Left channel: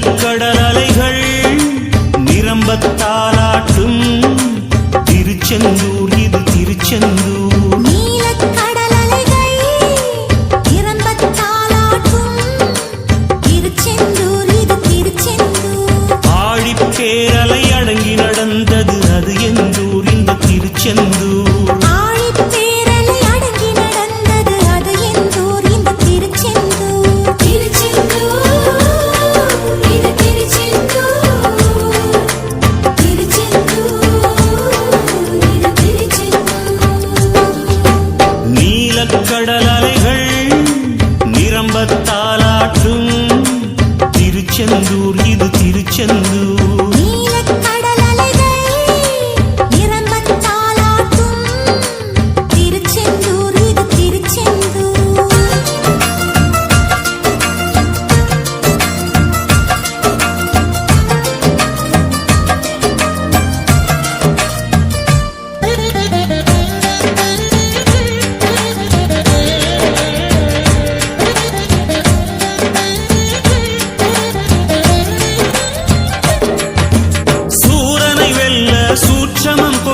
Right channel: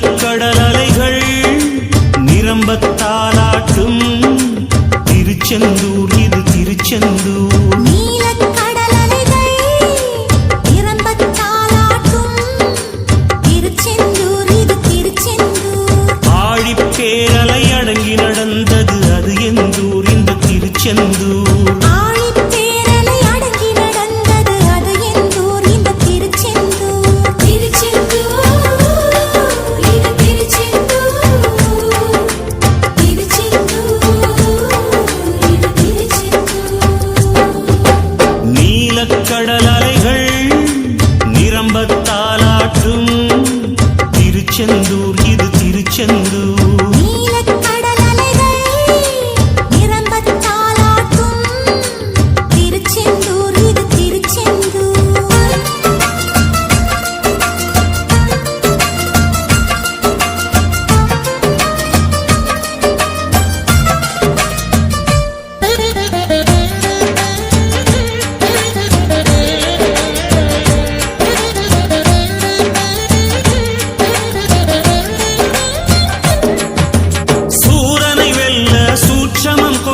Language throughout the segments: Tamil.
கடல் அலைகள் நிரம்பத்தாலாட்டும் திருச்செந்தூர் இது திருச்செந்தூர். நீலக் கடல் அலைகள் நிரம்பத் தாலாட்டும். திருச்செந்தூர் இது திருச்செந்தூர். அடங்கி நடந்தது அது எந்தூர்? இந்த திருச்செந்தூர். கடல் அலைகள் நிரம்பத்தாலாற்றும் திருச்செந்தூர் இது திருச்செந்தூர்.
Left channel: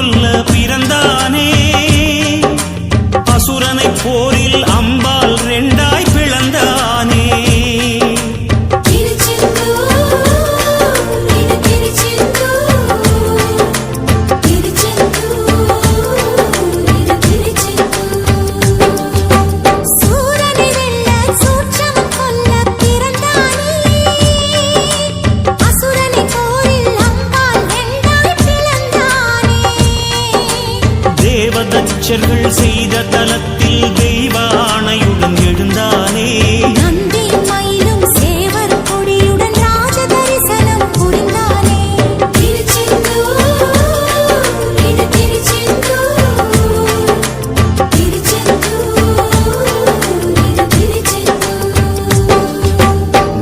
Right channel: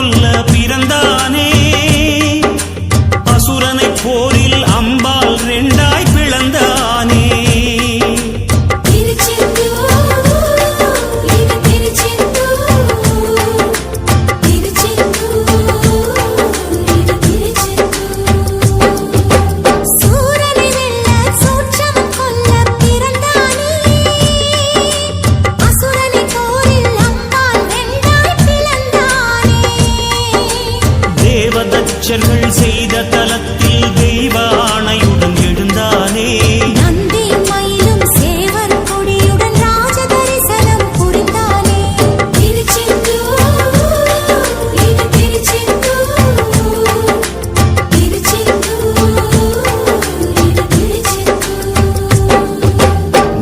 கொல்ல பிறந்தானே. அசுரனை போரில் அம்பா தேவதச்சர்கள் செய்த தலத்தில் தெய்வ ஆணையுடன் எழுந்தானே. நந்தி மயிலும் சேவர் கொடியுடன் ராஜ தரிசனம் புரிந்தானே.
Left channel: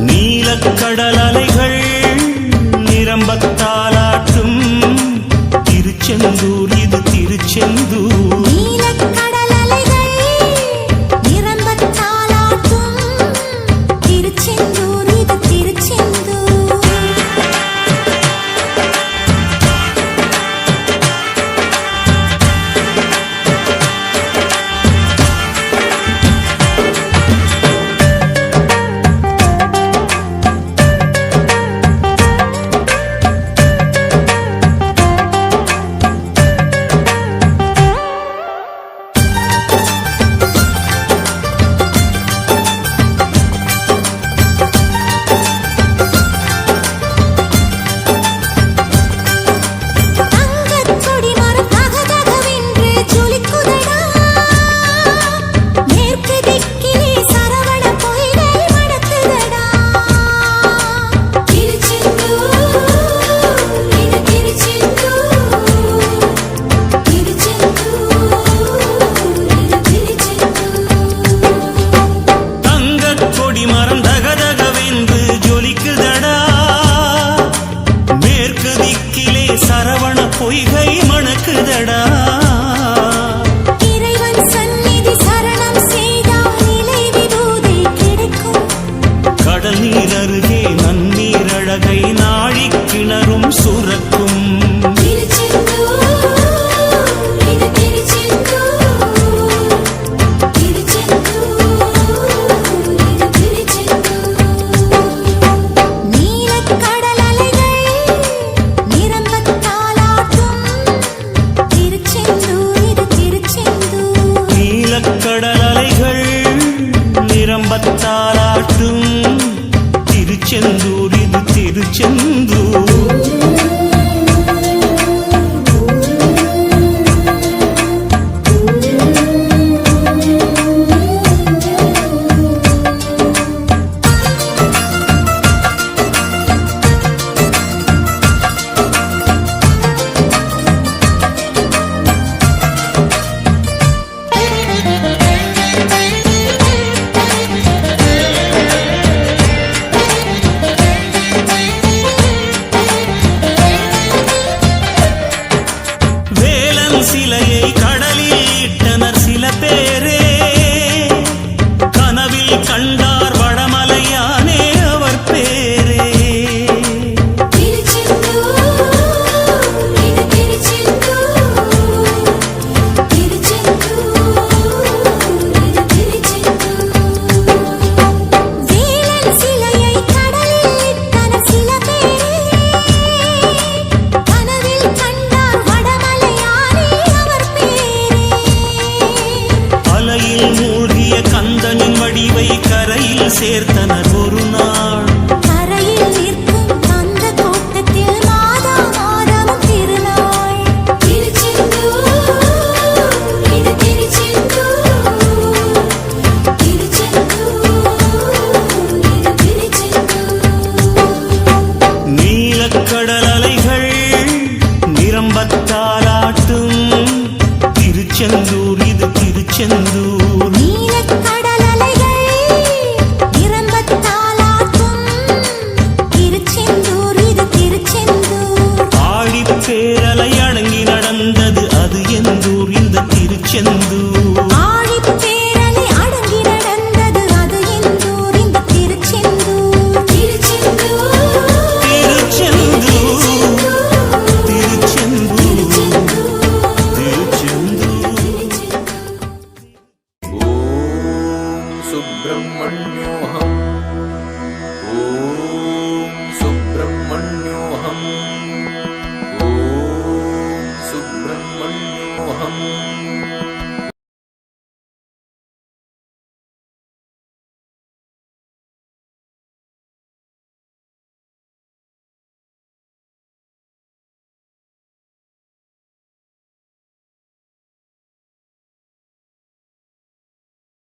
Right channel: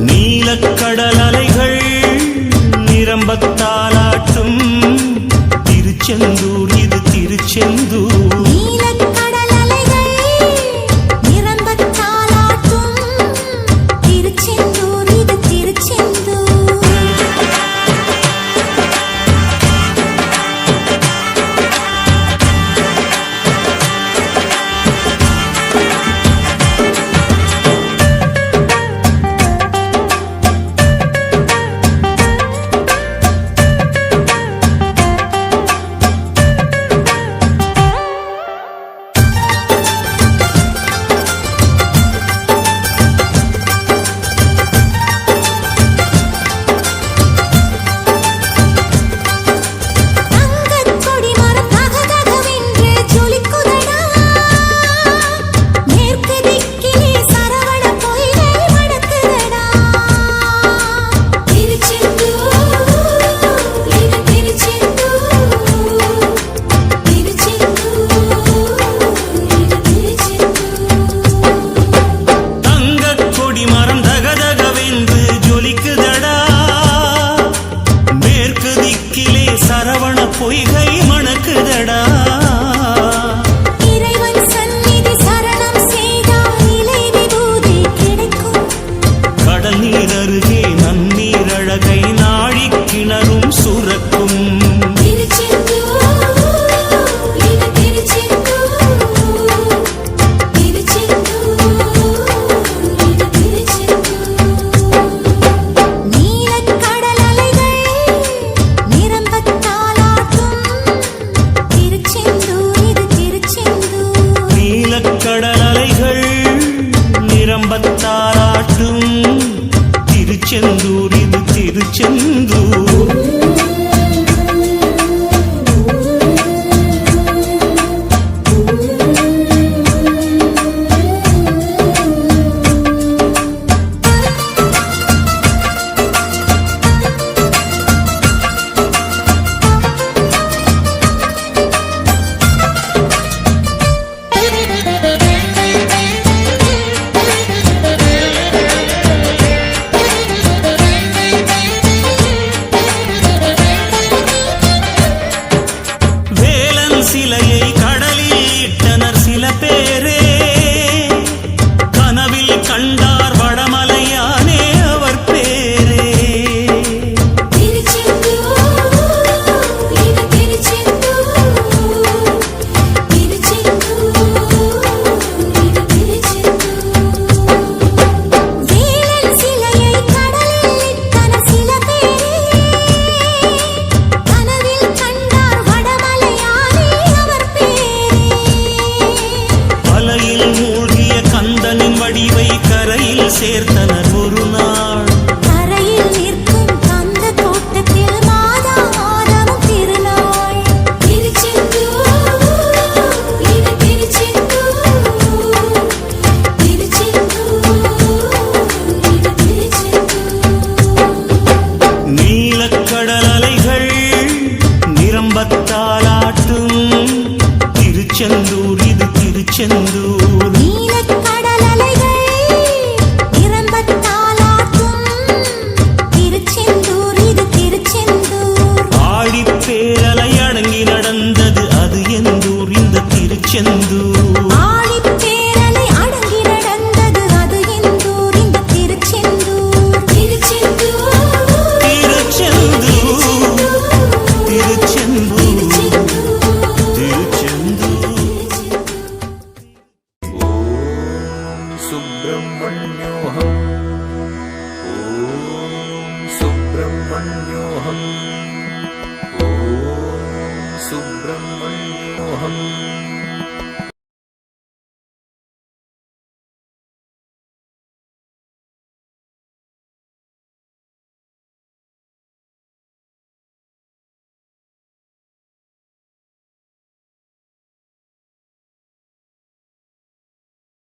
நீலக்கடல் அலைகள் நிரம்பத்தாலாட்டும் திருச்செந்தூர் இது திருச்செந்தூர். சரவண பொய்கை மணக்குதடா. இறைவன் சந்நிதி சரணம் செய்தால் நிலை விபூதி கிடைக்கும். கடல் நீர் அருகே நன்னீர் அழகை நாழிக் கிணறும் சுரக்கும். நிரம்பத்தாலாட்டும் திருச்செந்தூர் இது திருச்செந்தூர் கடலில் மூழ்கிய கந்தனின் வடிவை கரையில் சேர்த்தனர் ஒரு நாள். கரையில் நிற்கும் கந்த தோட்டத்தில் நிரம்பத்தாலாட்டும் திருச்செந்தூர் இது திருச்செந்தூர். எந்தூர் இந்த திருச்செந்தூர்?